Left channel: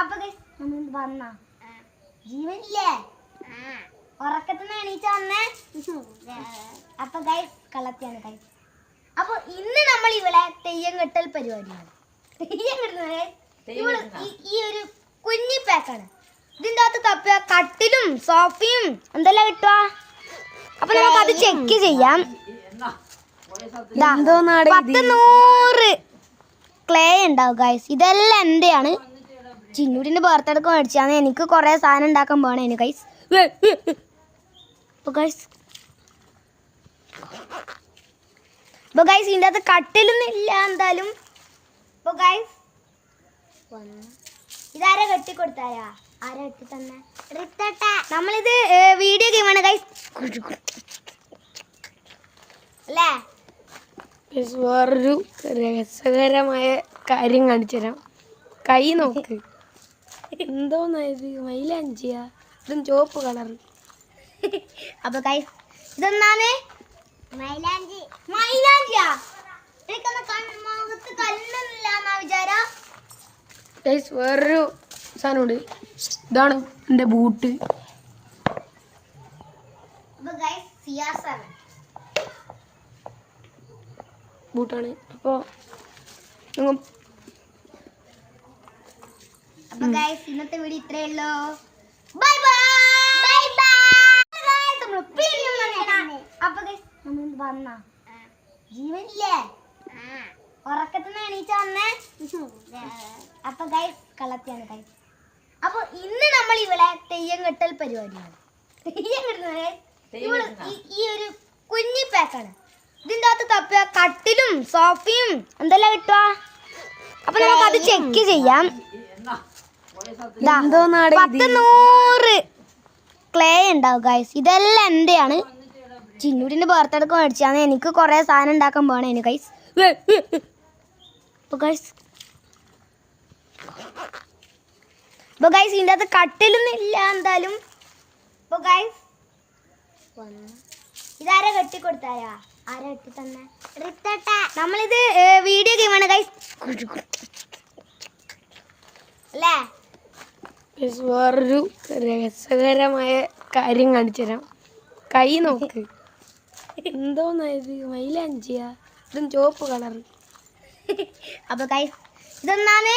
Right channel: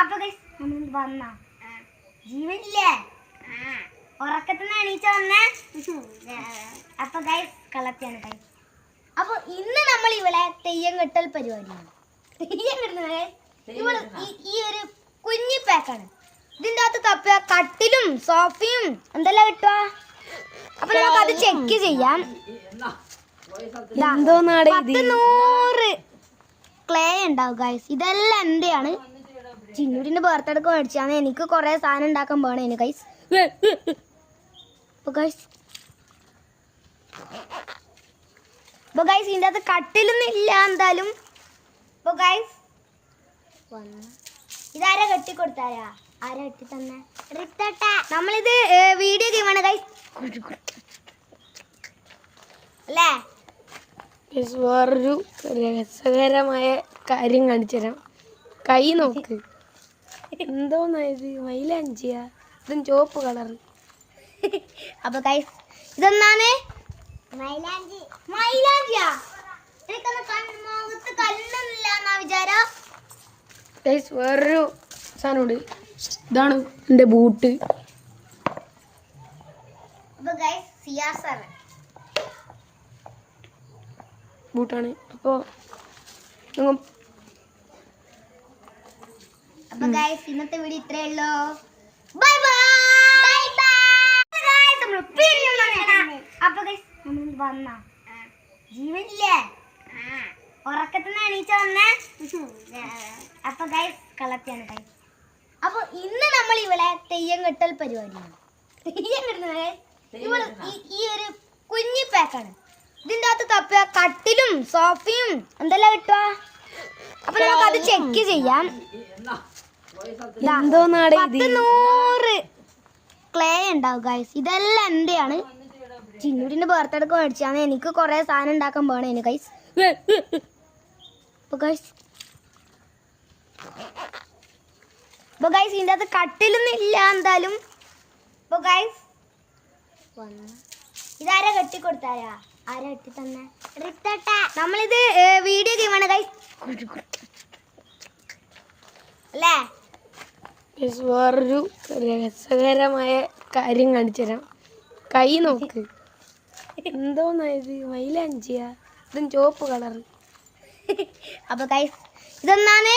അപ്പൊ വന്ന ജീവനില്ലേ ഉറക്കത്തിന് എണീച്ച വന്നേ. അപ്പൊ ഗൈസ് കളത്തിയാണ് ഗൈസ്. അപ്പൊ ഇന്ന് നമ്മൾ ഇവിടെ തെയ്യം കെട്ടൽ പരിപാടിയാണ്. തെയ്യം കെട്ടുന്നത് ഇവള് ഈ ഒരു കുഞ്ഞി പാക്കാണ്. ഇതിന്റെ അകത്ത് കട്ടിലും സോഫയും എന്തെല്ലാം കിട്ടുക. അപ്പൊ നമുക്ക് അത് ചെക്ക് ചെയ്യാം. 100 ക്ലേ ഉണ്ടാവും ഗൈസ്. ഇതെല്ലാം എന്റെയാണ്. ചിന്നൂരിന്റെ ബർത്ത്ഡേക്ക് മേടിച്ചാണ്. എനിക്ക് കുറെ സാധനം ഉണ്ടാക്കാൻ പോണേന് ഗൈസ്. ഇതിന്റെ അകത്ത് കട്ടിലൊന്നും ഇല്ല എന്തായാലും. ഇതാരാ കെട്ടിക്കൊടുത്താരാ? ആരാ കെട്ടി തന്നെ? നമ്മളിത് വീഡിയോ ഗെയിമാണ് ഗൈസ് അല്ലേ? വേറൊരു രസകരമായ കാര്യം കാണിച്ചു തരാം. കൈ നോക്ക്, എന്തോന്നായത്? മൈലാഞ്ചിയാ? ഇതും ചുവപ്പ് കളറ്. അപ്പൊ ഗൈസ് ഇതെന്താണ്? മൈലാഞ്ചിയാ? വിചാരം ഗൈസ് വേറൊരു സാധനമുണ്ട്. ഇതാണ് എൻ്റെ ബൂട്ട്. ബൂട്ടാണ്. അപ്പോൾ ഇന്നത്തെ വീഡിയോ ഇത്രയേ ഉള്ളൂ. Bye bye. അപ്പൊ വന്ന ജീവനില്ലേ ഉറക്കത്തിന് എണീച്ച വന്നേ. അപ്പൊ ഗൈസ് കളത്തിയാണ് ഗൈസ്. അപ്പൊ ഇന്ന് നമ്മൾ ഇവിടെ തെയ്യം കെട്ടൽ പരിപാടിയാണ്. തെയ്യം കെട്ടുന്നത് ഇവള് ഈ ഒരു കുഞ്ഞി പാക്കാണ്. ഇതിന്റെ അകത്ത് കട്ടിലും സോഫയും എന്തെല്ലാം കിട്ടുക. അപ്പൊ നമുക്ക് അത് ചെക്ക് ചെയ്യാം. 100 ക്ലേ ഉണ്ടാവും ഗൈസ്. ഇതെല്ലാം എന്റെയാണ്. ചിന്നൂരിന്റെ ബർത്ത്ഡേക്ക് മേടിച്ചാണ്. എനിക്ക് കുറെ സാധനം ഉണ്ടാക്കാൻ പോണേന് ഗൈസ്. ഇതിന്റെ അകത്ത് കട്ടിലൊന്നും ഇല്ല എന്തായാലും. ഇതാരാ കെട്ടിക്കൊടുത്താരാ? ആരാ കെട്ടി തന്നെ? നമ്മളിത് വീഡിയോ ഗെയിമാണ് ഗൈസ് അല്ലേ? വേറൊരു രസകരമായ കാര്യം കാണിച്ചു തരാം. കൈ നോക്ക്, എന്തോന്നായത്? മൈലാഞ്ചിയാ? ഇതും ചുവപ്പ് കളറ്. അപ്പൊ ഗൈസ് ഇതെന്താണ്?